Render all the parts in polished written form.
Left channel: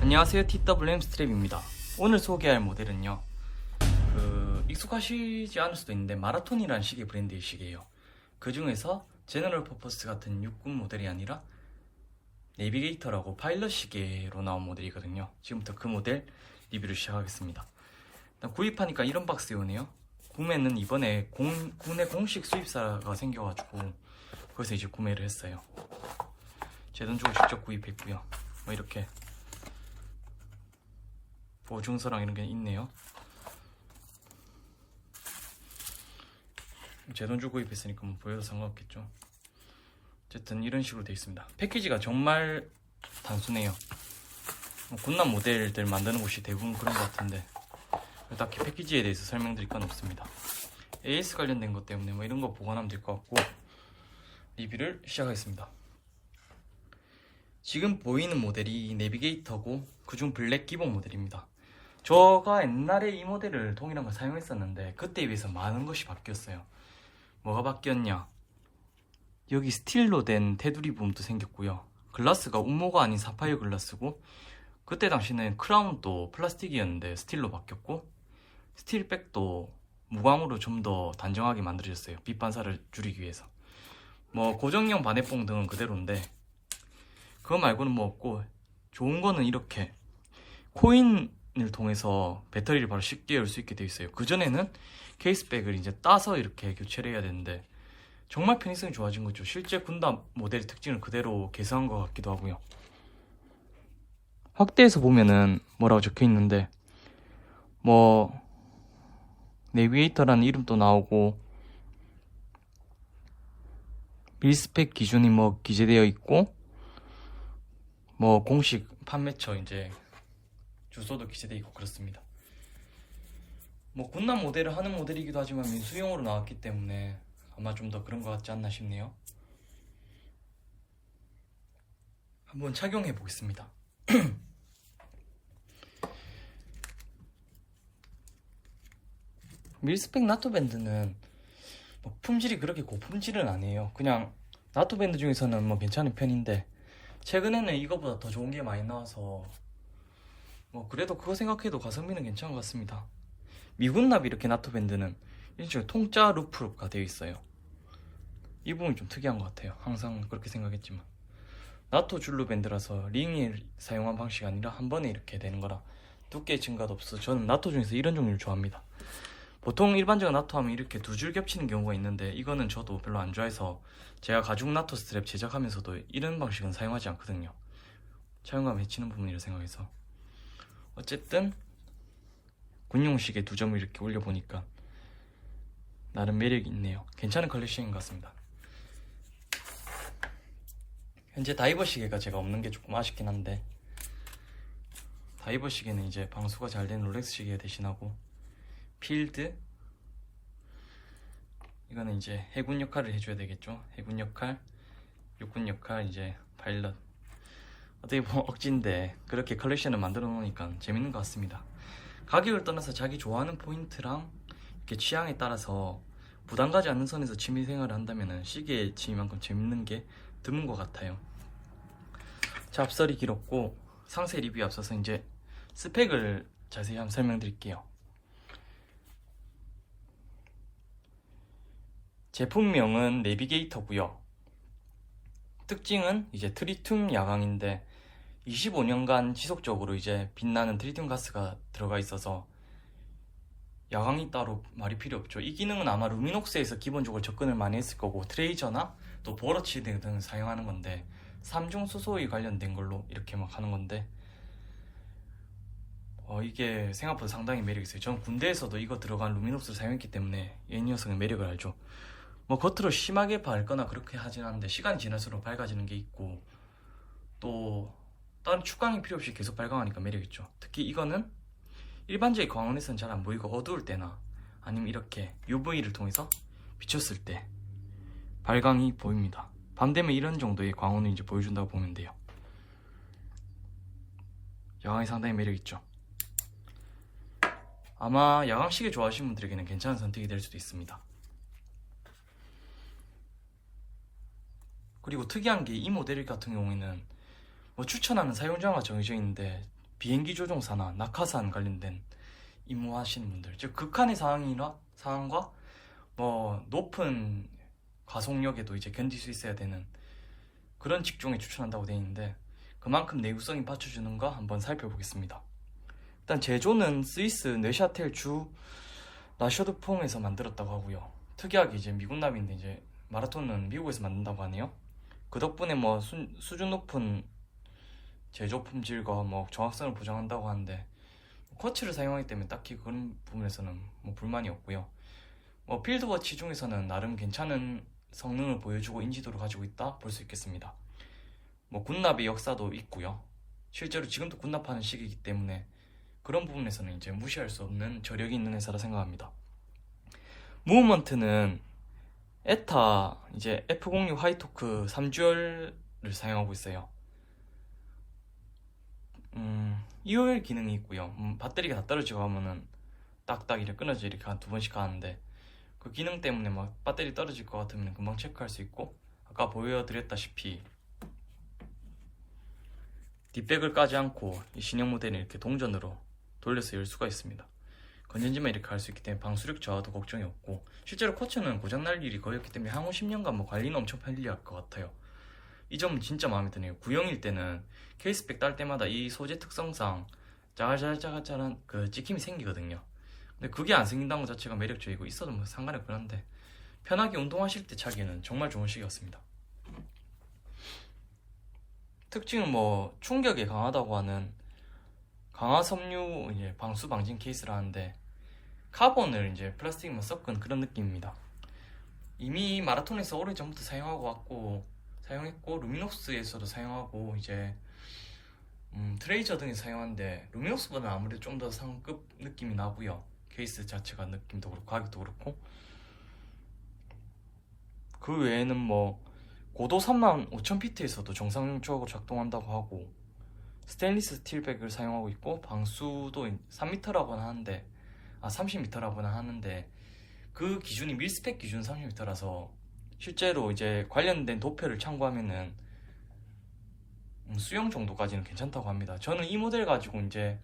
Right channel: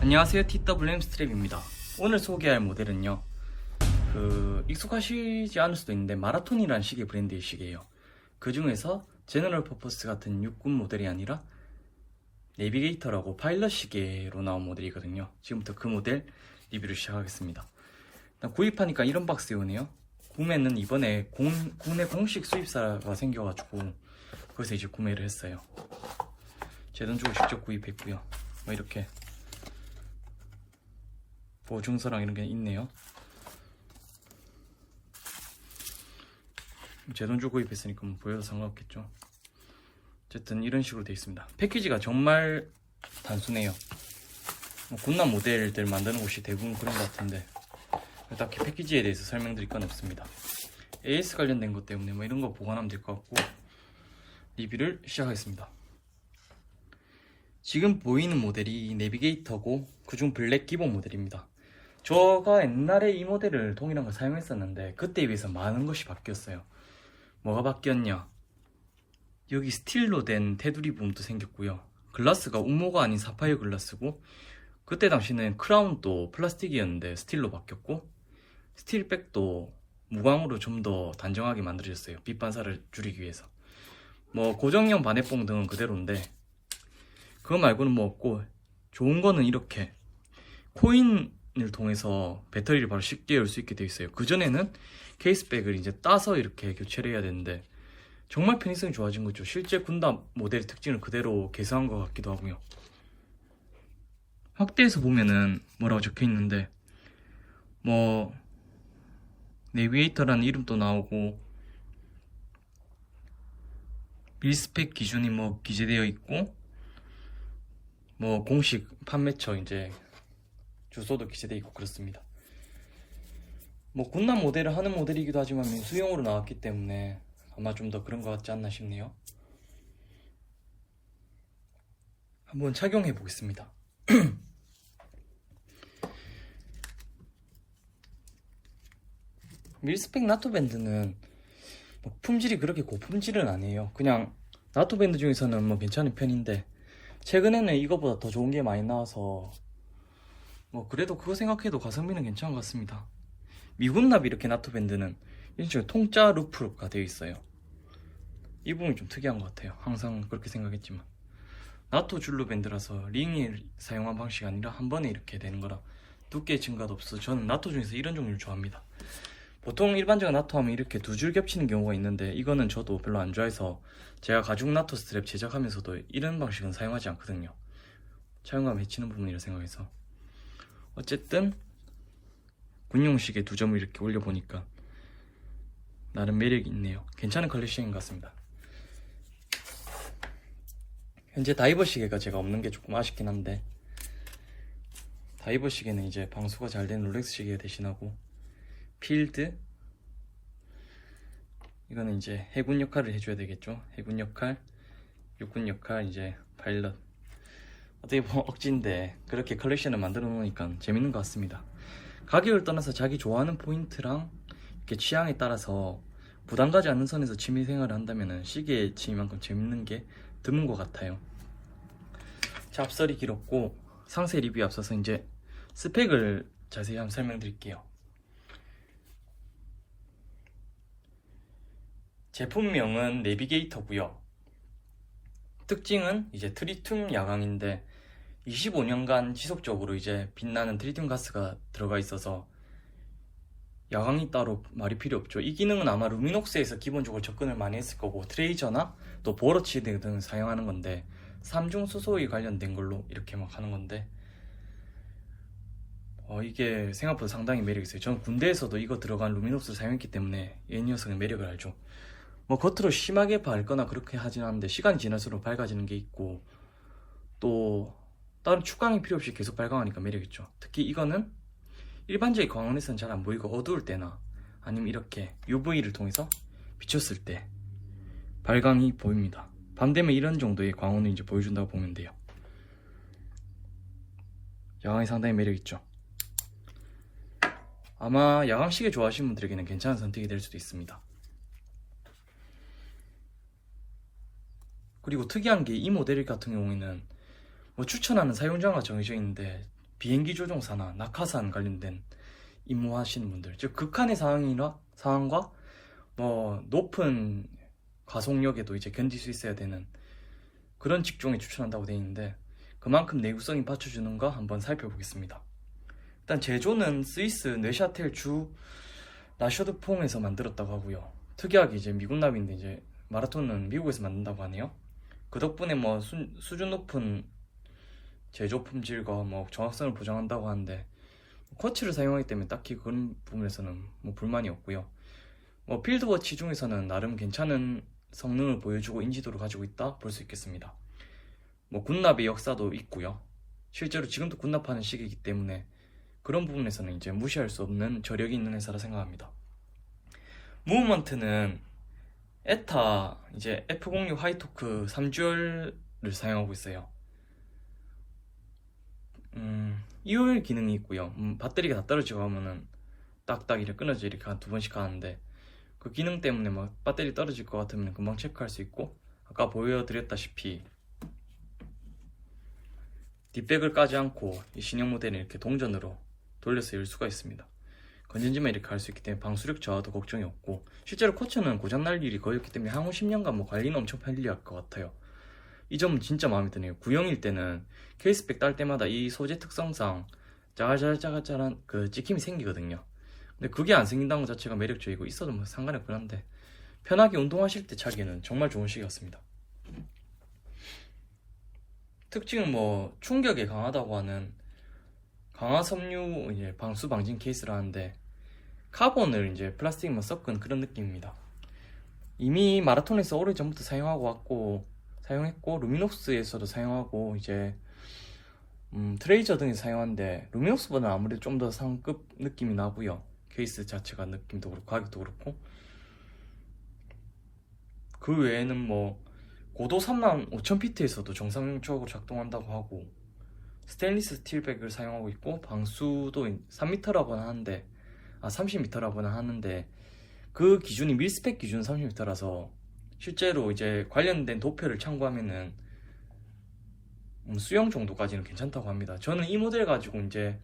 안녕하세요, TWM 스트랩입니다. 오늘 소개할 모델은요, 익숙하시지 않을 수도 있는데 마라톤이라는 시계 브랜드의 시계예요. 그 중에서 제너럴 퍼포스 같은 육군 모델이 아니라 내비게이터라고 파일럿 시계로 나온 모델이거든요. 지금부터 그 모델 리뷰를 시작하겠습니다. 일단 구입하니까 이런 박스에 오네요. 구매는 이번에 국내 공식 수입사가 생겨가지고 거기서 이제 구매를 했어요. 제 돈 주고 직접 구입했고요. 뭐 이렇게 보증서랑 이런 게 있네요. 제 돈 주고 구입했으니까 뭐 보여도 상관없겠죠. 어쨌든 이런 식으로 되어 있습니다. 패키지가 정말 단순해요. 군남 모델들 만드는 곳이 대부분 그런 것 같은데 딱히 패키지에 대해서 설명드릴 건 없습니다. AS 관련된 것 때문에 뭐 이런 거 보관하면 될 것 같고 리뷰를 시작하겠습니다. 지금 보이는 모델이 내비게이터고 그중 블랙 기본 모델입니다. 제가 옛날에 이 모델을 동일한 걸 사용했었는데 그때에 비해서 많은 것이 바뀌었어요. 뭐가 바뀌었냐? 여기 스틸로 된 테두리 부분도 생겼고요. 글라스가 우모가 아닌 사파이어 글라스고 그때 당시는 크라운도 플라스틱이었는데 스틸로 바뀌었고 스틸백도 무광으로 좀 더 단정하게 만들어졌어요. 빛 반사를 줄이기 위해서. 뭐 고정형 반해봉 등은 그대로인데 그거 말고는 뭐 없고 좋은 거는 이렇게 코인을 통해서 배터리를 바로 쉽게 열 수 있게 되어 있어요. 그전에는 케이스백을 이제 따서 이렇게 교체를 해야 되는데 정말 편의성이 좋아진 거죠. 실제 군담 모델의 특징을 그대로 계승한 것 같기도 하고요. 확대해서 보면은 뭐라고 적혀 있는데 뭐 내비게이터라는 이름도 나오고 밀스펙 기준이 뭐 기재되어 있고 뭐 공식 판매처 이제 주소도 기재되어 있고 그렇습니다. 뭐 군남 모델을 하는 모델이기도 하지만 민수용으로 나왔기 때문에 아마 좀 더 그런 것 같지 않나 싶네요. 한번 착용해 보겠습니다. 밀스펙 나토밴드는 뭐 품질이 그렇게 고품질은 아니에요. 그냥 나토밴드 중에서는 뭐 괜찮은 편인데 최근에는 이거보다 더 좋은 게 많이 나와서 뭐 그래도 그거 생각해도 가성비는 괜찮은 것 같습니다. 미군 납 이렇게 나토밴드는 이런 식으로 통짜 루프가 되어 있어요. 이 부분이 좀 특이한 것 같아요. 항상 그렇게 생각했지만 나토 줄로 밴드라서 링을 사용한 방식이 아니라 한 번에 이렇게 되는 거라 두께 증가도 없어서 저는 나토 중에서 이런 종류를 좋아합니다. 보통 일반적인 나토 하면 이렇게 두 줄 겹치는 경우가 있는데 이거는 저도 별로 안 좋아해서 제가 가죽 나토 스트랩 제작하면서도 이런 방식은 사용하지 않거든요. 사용하면 해치는 부분이라 생각해서. 어쨌든 군용식에 두 점을 이렇게 올려보니까 나름 매력이 있네요. 괜찮은 컬렉션인 것 같습니다. 현재 다이버 시계가 제가 없는 게 조금 아쉽긴 한데 다이버 시계는 이제 방수가 잘 된 롤렉스 시계 대신하고 필드 이거는 이제 해군 역할을 해줘야 되겠죠. 해군 역할, 육군 역할, 이제 파일럿. 어떻게 보면 억지인데 그렇게 컬렉션을 만들어 놓으니까 재밌는 것 같습니다. 가격을 떠나서 자기 좋아하는 포인트랑 이렇게 취향에 따라서 부담 가지 않는 선에서 취미생활을 한다면 시계에 취미만큼 재밌는 게 드문 것 같아요. 잡설이 길었고 상세 리뷰에 앞서서 이제 스펙을 자세히 한번 설명드릴게요. 제품명은 내비게이터고요. 특징은 이제 트리튬 야광인데 25년간 지속적으로 이제 빛나는 트리튬 가스가 들어가 있어서 야광이 따로 말이 필요 없죠. 이 기능은 아마 루미녹스에서 기본적으로 접근을 많이 했을 거고 트레이저나 또 보러치 등을 사용하는 건데 삼중 수소에 관련된 걸로 이렇게 막 하는 건데 이게 생각보다 상당히 매력이 있어요. 전 군대에서도 이거 들어간 루미녹스를 사용했기 때문에 이 녀석의 매력을 알죠. 뭐 겉으로 심하게 밝거나 그렇게 하진 않는데 시간이 지날수록 밝아지는 게 있고 또 다른 축광이 필요 없이 계속 발광하니까 매력있죠. 특히 이거는 일반적인 광원에서는 잘 안 보이고 어두울 때나 아니면 이렇게 UV를 통해서 비쳤을 때 발광이 보입니다. 밤 되면 이런 정도의 광원을 이제 보여준다고 보면 돼요. 야광이 상당히 매력있죠. 아마 야광시계 좋아하시는 분들에게는 괜찮은 선택이 될 수도 있습니다. 그리고 특이한 게 이 모델 같은 경우에는 뭐 추천하는 사용자가 정해져 있는데 비행기 조종사나 낙하산 관련된 임무하시는 분들, 즉 극한의 상황과 뭐 높은 가속력에도 이제 견딜 수 있어야 되는 그런 직종에 추천한다고 되어 있는데, 그만큼 내구성이 받쳐주는가 한번 살펴보겠습니다. 일단 제조는 스위스 네샤텔 주 라셔드퐁에서 만들었다고 하고요. 특이하게 이제 미국 납인데 이제 마라톤은 미국에서 만든다고 하네요. 그 덕분에 뭐 수준 높은 제조 품질과 뭐 정확성을 보장한다고 하는데, 쿼츠를 사용하기 때문에 딱히 그런 부분에서는 뭐 불만이 없고요. 뭐 필드워치 중에서는 나름 괜찮은 성능을 보여주고 인지도를 가지고 있다 볼 수 있겠습니다. 뭐 군납의 역사도 있고요. 실제로 지금도 군납하는 시기이기 때문에 그런 부분에서는 이제 무시할 수 없는 저력이 있는 회사라 생각합니다. 무브먼트는 에타 이제 F06 하이토크 3주얼을 사용하고 있어요. EOL 기능이 있고요. 배터리가 다 떨어지고 하면은 딱딱 이렇게 끊어져 이렇게 한 2번씩 가는데, 그 기능 때문에 막 배터리 떨어질 것 같으면 금방 체크할 수 있고, 아까 보여드렸다시피 뒷백을 까지 않고 이 신형 모델은 이렇게 동전으로 돌려서 열 수가 있습니다. 건전지만 이렇게 할 수 있기 때문에 방수력 저하도 걱정이 없고, 실제로 쿼츠는 고장날 일이 거의 없기 때문에 향후 10년간 뭐 관리는 엄청 편리할 것 같아요. 이 점은 진짜 마음에 드네요. 구형일 때는 케이스백 딸 때마다 이 소재 특성상 짜잘짜잘짜잘한 그 찍힘이 생기거든요. 근데 그게 안 생긴다는 것 자체가 매력적이고, 있어도 뭐 상관이 없긴 한데 편하게 운동하실 때 차기에는 정말 좋은 시기였습니다. 특징은 뭐 충격에 강하다고 하는 강화 섬유 이제 방수 방진 케이스라는데, 카본을 이제 플라스틱만 섞은 그런 느낌입니다. 이미 마라톤에서 오래전부터 사용했고 루미녹스에서도 사용하고 이제 트레이저 등에서 사용하는데, 루미녹스보다는 아무래도 좀 더 상급 느낌이 나고요. 케이스 자체가 느낌도 그렇고 가격도 그렇고. 그 외에는 뭐 고도 35,000피트에서도 정상적으로 작동한다고 하고, 스테인리스 스틸백을 사용하고 있고, 방수도 3m라고는 하는데 30m라고는 하는데, 그 기준이 밀스펙 기준 30m라서 실제로 이제 관련된 도표를 참고하면은 수영 정도까지는 괜찮다고 합니다. 저는 이 모델 가지고 이제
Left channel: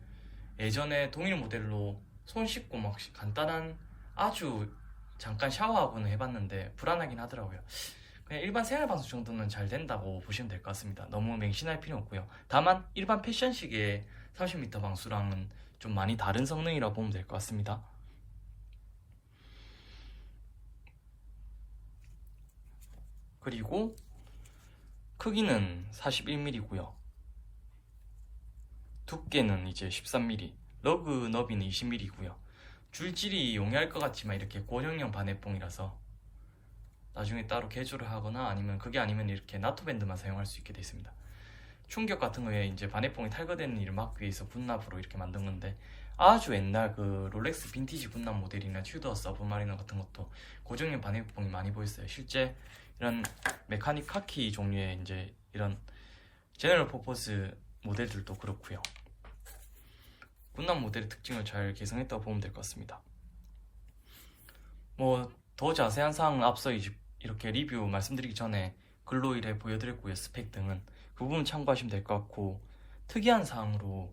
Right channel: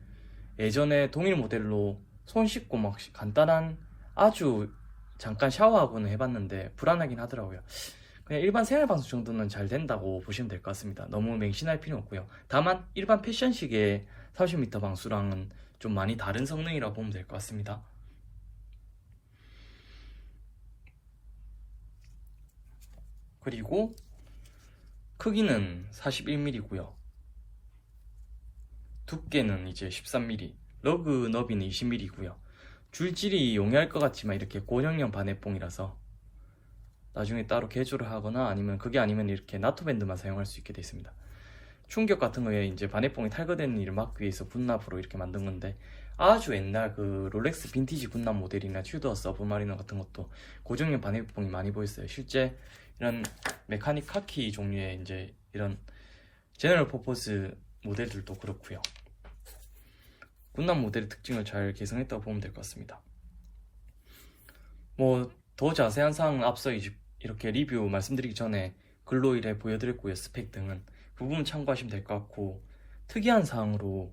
예전에 동일 모델로 손 씻고 막 간단한 아주 잠깐 샤워하고는 해봤는데 불안하긴 하더라고요. 그냥 일반 생활방수 정도는 잘 된다고 보시면 될 것 같습니다. 너무 맹신할 필요 없고요. 다만 일반 패션식의 30m 방수랑은 좀 많이 다른 성능이라고 보면 될 것 같습니다. 그리고 크기는 41mm고요. 두께는 이제 13mm, 러그 너비는 20mm고요. 줄질이 용이할 것 같지만 이렇게 고정형 반해뽕이라서 나중에 따로 개조를 하거나 아니면 그게 아니면 이렇게 나토 밴드만 사용할 수 있게 되어 있습니다. 충격 같은 거에 이제 반해뽕이 탈거되는 일을 막기 위해서 군납으로 이렇게 만든 건데, 아주 옛날 그 롤렉스 빈티지 군납 모델이나 튜더 서브마리너 같은 것도 고정형 반해뽕이 많이 보였어요. 실제 이런 메카닉 카키 종류의 이제 이런 제너럴 퍼포스 모델들도 그렇고요. 군납 모델의 특징을 잘 개성했다고 보면 될 것 같습니다. 뭐 더 자세한 사항은 앞서 이렇게 리뷰 말씀드리기 전에 글로 이래 보여드렸고요. 스펙 등은 그 부분 참고하시면 될 것 같고, 특이한 사항으로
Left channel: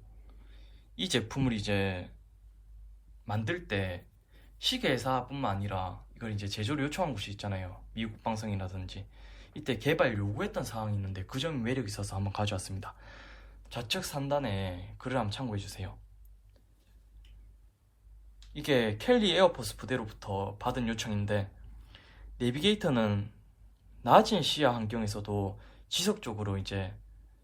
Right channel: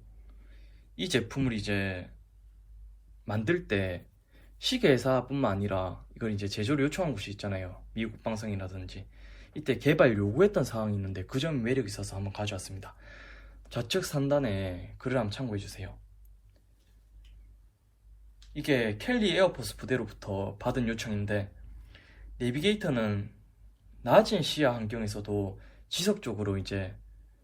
이 제품을 이제 만들 때 시계회사뿐만 아니라 이걸 이제 제조를 요청한 곳이 있잖아요. 미국 국방성이라든지. 이때 개발 요구했던 사항이 있는데 그 점이 매력이 있어서 한번 가져왔습니다. 좌측 상단에 글을 한번 참고해주세요. 이게 켈리 에어포스 부대로부터 받은 요청인데, 내비게이터는 낮은 시야 환경에서도 지속적으로 이제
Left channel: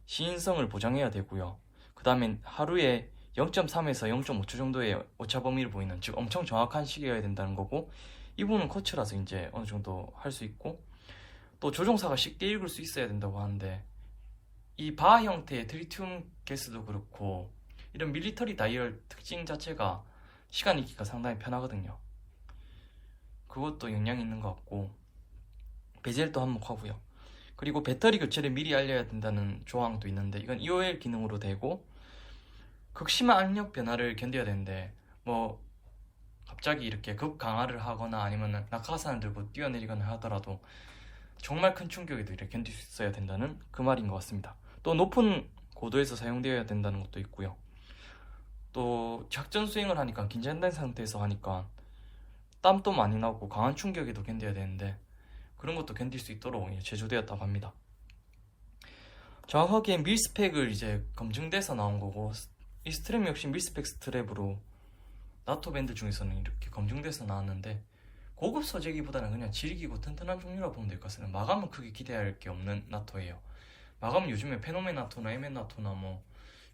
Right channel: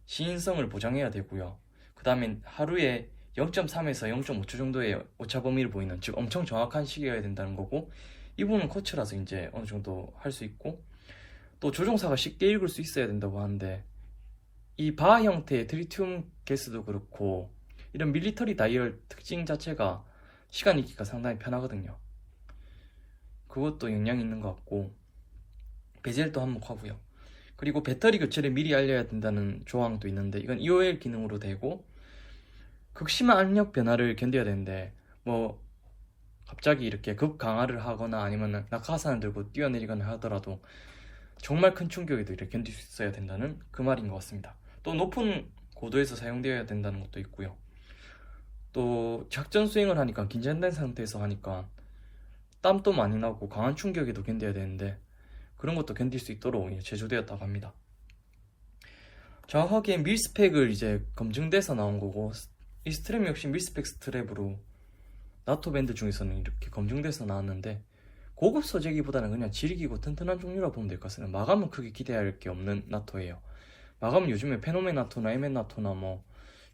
시인성을 보장해야 되고요. 그 다음에 하루에 0.3에서 0.5초 정도의 오차 범위를 보이는, 즉 엄청 정확한 시계여야 된다는 거고, 이 부분은 쿼츠라서 이제 어느 정도 할 수 있고, 또 조종사가 쉽게 읽을 수 있어야 된다고 하는데, 이 바 형태의 트리튬 가스도 그렇고 이런 밀리터리 다이얼 특징 자체가 시간 읽기가 상당히 편하거든요. 그것도 영향이 있는 것 같고, 베젤도 한몫하고요. 그리고 배터리 교체를 미리 알려야 된다는 조항도 있는데, 이건 EOL 기능으로 되고, 극심한 압력 변화를 견뎌야 되는데 뭐 갑자기 이렇게 급 강화를 하거나 아니면 낙하산을 들고 뛰어내리거나 하더라도 정말 큰 충격에도 이렇게 견딜 수 있어야 된다는 그 말인 것 같습니다. 또 높은 고도에서 사용되어야 된다는 것도 있고요. 또 작전 수행을 하니까 긴장된 상태에서 하니까 땀도 많이 나고 강한 충격에도 견뎌야 되는데 그런 것도 견딜 수 있도록 제조되었다고 합니다. 정확하게 밀스펙을 이제 검증돼서 나온 거고, 이 스트랩 역시 밀스펙 스트랩으로 나토 밴드 중에서는 이렇게 검증돼서 나왔는데, 고급 소재기보다는 그냥 질기고 튼튼한 종류라 보면 될 것 같습니다. 마감은 크게 기대할 게 없는 나토예요. 마감은 요즘에 페노멘 나토나 에멘 나토나 뭐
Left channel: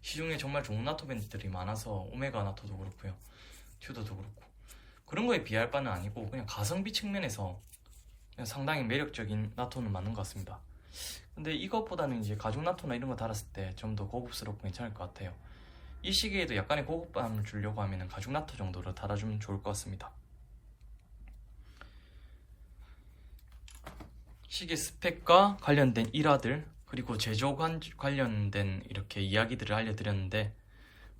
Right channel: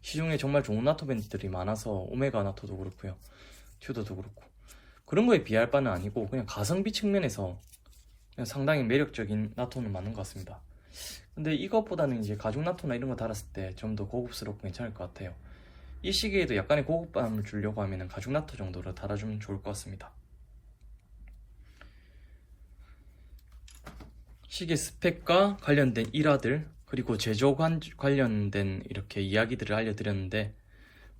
시중에 정말 좋은 나토 밴드들이 많아서 오메가 나토도 그렇고요, 튜더도 그렇고 그런 거에 비할 바는 아니고 그냥 가성비 측면에서 그냥 상당히 매력적인 나토는 맞는 것 같습니다. 근데 이것보다는 이제 가죽 나토나 이런 거 달았을 때 좀 더 고급스럽고 괜찮을 것 같아요. 이 시기에도 약간의 고급감을 주려고 하면 가죽 나토 정도로 달아주면 좋을 것 같습니다. 시계 스펙과 관련된 일화들, 그리고 제조 관련된 이렇게 이야기들을 알려드렸는데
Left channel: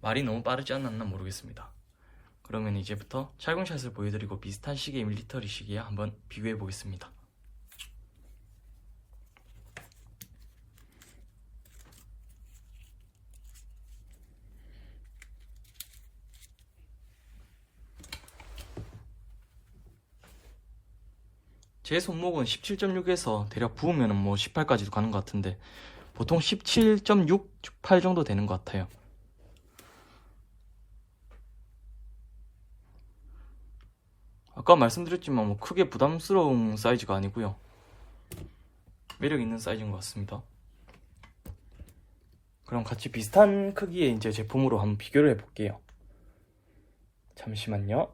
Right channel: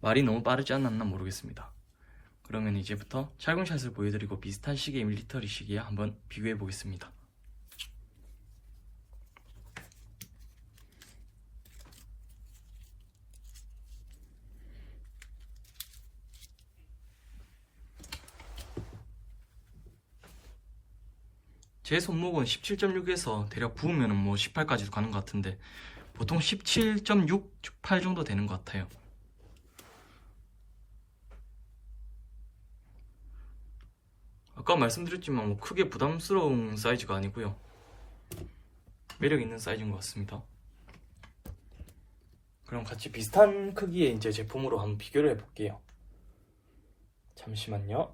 말이 너무 빠르지 않았나 모르겠습니다. 그러면 이제부터 찰공샷을 보여드리고 비슷한 시계의 밀리터리 시계에 한번 비교해 보겠습니다. 제 손목은 17.6에서 대략 부으면 뭐 18까지도 가는 것 같은데 보통 17.6, 8 정도 되는 것 같아요. 아까 말씀드렸지만 뭐 크게 부담스러운 사이즈가 아니고요, 매력 있는 사이즈인 것 같습니다. 그럼 같이 비슷한 크기의 이제 제품으로 한번 비교를 해볼게요. 잠시만요.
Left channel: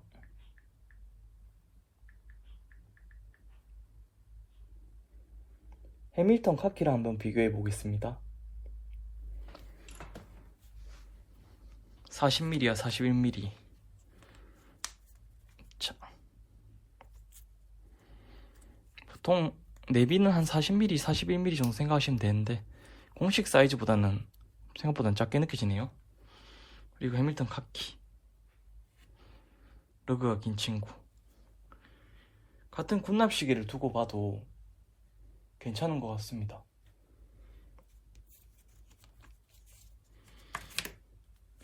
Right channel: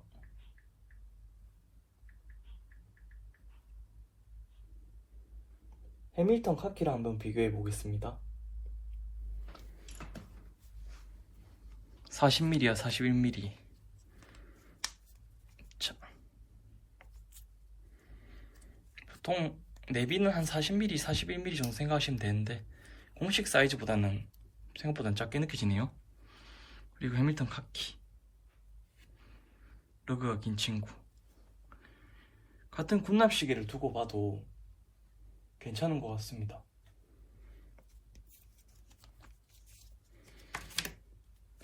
해밀턴 카키랑 한번 비교해 보겠습니다. 40mm야 41mm. 자, 보통 내비는 한 40mm, 41mm 정도 생각하시면 되는데 공식 사이즈보다는 생각보다는 작게 느껴지네요. 그리고 해밀턴 카키, 러그가 긴 친구. 같은 군납 시계를 두고 봐도 괜찮은 것 같습니다.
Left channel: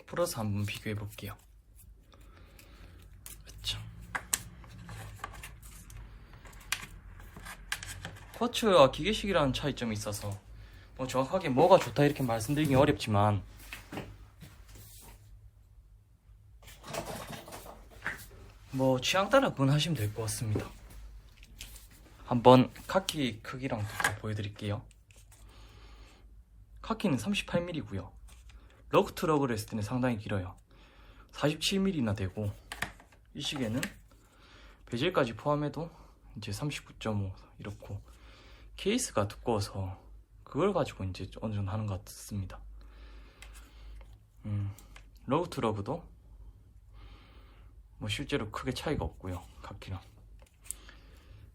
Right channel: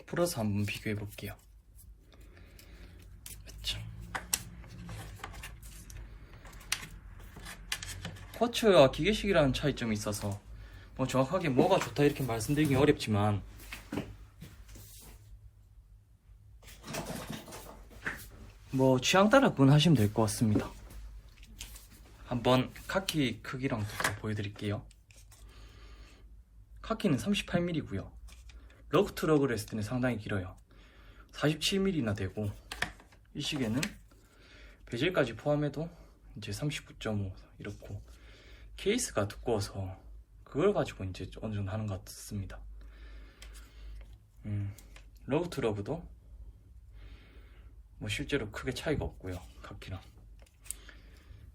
풀어서 한번 비교해 볼게요. 그렇죠. 쿼츠와 기계식이라는 차이점이 있어서 뭐 정확하게 뭐가 좋다 이렇게 말씀드리기 어렵지만 뭐 취향 따라 구분하시면 될 것 같습니다. 한번 카키 크기랑 보여드릴게요. 카키는 38mm고요. 러그 투 러그를 했을 때는 상당히 길어요. 47mm나 되고, 이 시계는 베젤까지 포함해도 이제 39.5 이렇고, 케이스가 두꺼워서 그걸 가지고 이제 어느 정도 하는 것 같습니다. 러그 투 러그도 뭐 실제로 크게 차이가 없고요, 카키랑.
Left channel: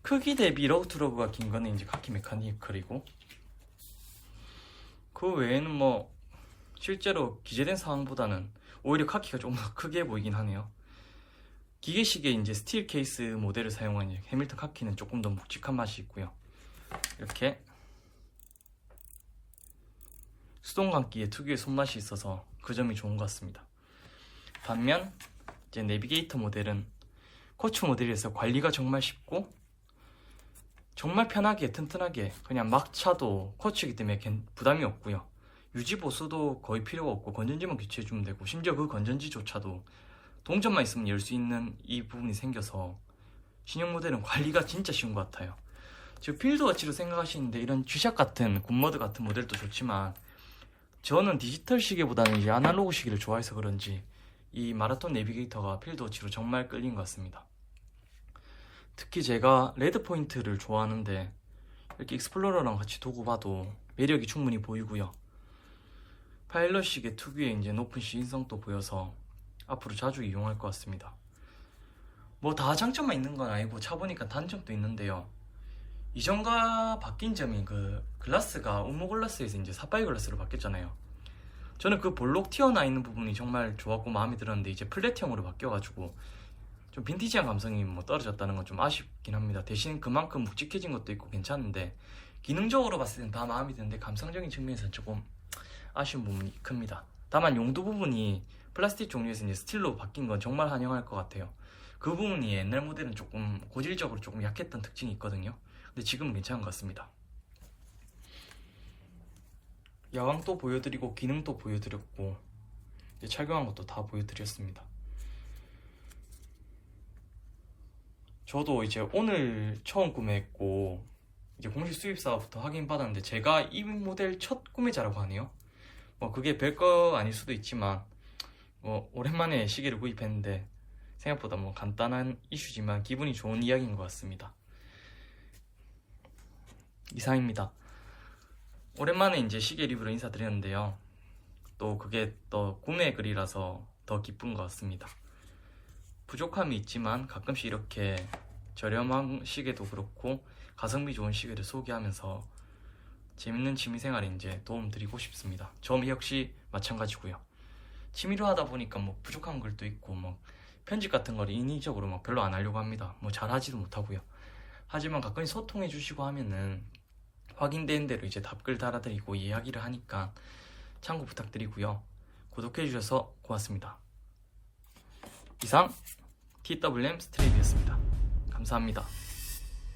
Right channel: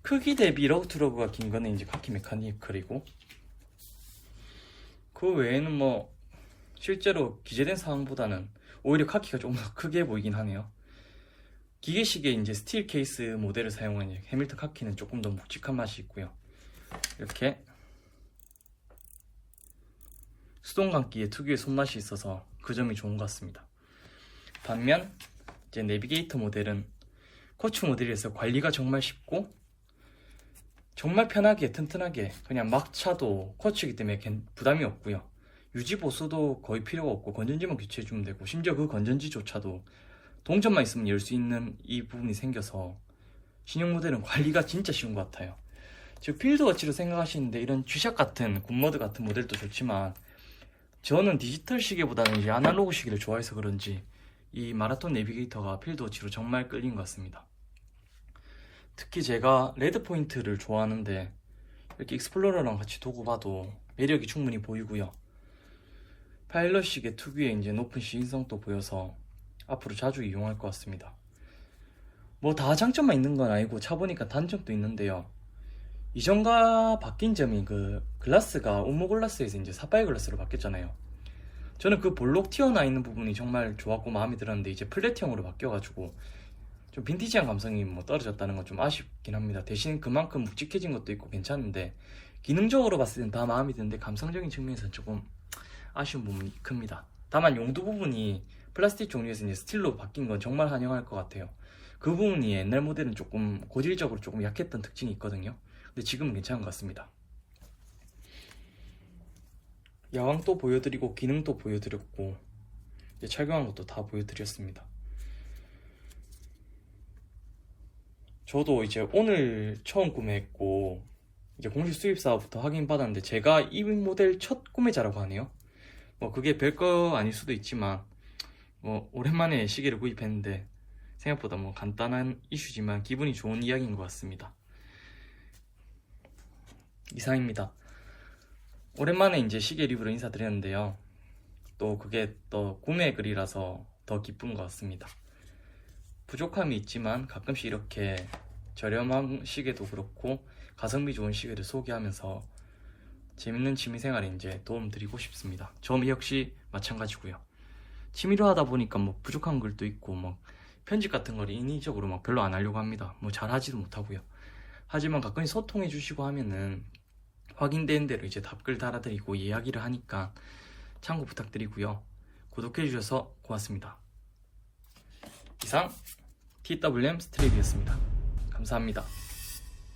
크기 대비 러그 투 러그가 긴 거는 이제 카키 메카니컬이고, 그 외에는 뭐 실제로 기재된 상황보다는 오히려 카키가 조금 더 크게 보이긴 하네요. 기계식에 이제 스틸 케이스 모델을 사용한 해밀턴 카키는 조금 더 묵직한 맛이 있고요. 이렇게 수동 감기에 특유의 손맛이 있어서 그 점이 좋은 것 같습니다. 반면 이제 내비게이터 모델은 쿼츠 모델에서 관리가 정말 쉽고 정말 편하게 튼튼하게 그냥 막 차도 쿼츠이기 때문에 부담이 없고요. 유지 보수도 거의 필요가 없고 건전지만 교체해주면 되고, 심지어 그 건전지조차도 동전만 있으면 열 수 있는 이 부분이 생겨서 신형 모델은 관리가 진짜 쉬운 것 같아요. 즉 필드워치로 생각하시는데 이런 G샷 같은 굿모드 같은 모델도 좋지만 저는 디지털 시계보다는 이제 아날로그 시계를 좋아해서 그런지 이 마라톤 내비게이터가 필드워치로 정말 끌린 것 같습니다. 특히 제가 레드 포인트를 좋아하는데 이렇게 익스플로러랑 같이 두고 봐도 매력이 충분히 보이고요. 파일럿 시계 특유의 이제 높은 시인성도 보여서 앞으로 자주 이용할 것 같습니다. 뭐 다 장점만 있는 건 아니고 차보니까 단점도 있는데요. 이전과 바뀐 점이 그 글라스가 온모 글라스에서 이제 사파이어 글라스로 바뀌었잖아요. 저는 그 볼록 튀어나와 있는 부분이 정말 좋았고 마음에 들었는데 이제 플랫형으로 바뀌어가지고 좀 빈티지한 감성이 뭐 떨어졌다는 건 좀 아쉽긴 합니다. 대신 그만큼 묵직해진 것도 있고 괜찮은데 기능적으로 봤을 때는 다 마음에 드는데 감성적인 측면에서는 조금 아쉬운 부분이 큽니다. 다만 용도 부분이 플라스틱 종류에서 이제 스틸로 바뀐 건 정말 환영할 것 같아요. 그 부분이 옛날 모델은 조금 고질적으로 조금 약했던 특징이 있거든요. 근데 지금은 괜찮은 것 같습니다. 야광도 보여드리고 기능도 보여드렸고 이제 착용한 것도 다 보여드렸습니다. 저도 이제 오늘 처음 구매했고 이제 공식 수입사부터 확인받았는데 제가 이 모델 첫 구매자라고 하네요. 뭐 그게 별거 아닐 수도 있지만 뭐 오랜만에 시계를 구입했는데 생각보다 뭐 간단한 이슈지만 기분이 좋은 이야기인 것 같습니다. 이상입니다. 오랜만에 이제 시계 리뷰로 인사드렸는데요. 또 그게 또 구매 글이라서 더 기쁜 것 같습니다. 부족함이 있지만 가끔씩 이렇게 저렴한 시계도 그렇고 가성비 좋은 시계를 소개하면서 재밌는 취미생활에 이제 도움 드리고 싶습니다. 저 역시 마찬가지고요. 취미로 하다 보니까 뭐 부족한 글도 있고 뭐 편집 같은 걸 인위적으로 막 별로 안 하려고 합니다. 뭐 잘하지도 못하고요. 하지만 가끔 소통해 주시고 하면은 확인된 대로 이제 답글 달아드리고 이야기를 하니까 참고 부탁드리고요. 구독해 주셔서 고맙습니다. 이상 TWM 스트레이트였습니다. 감사합니다.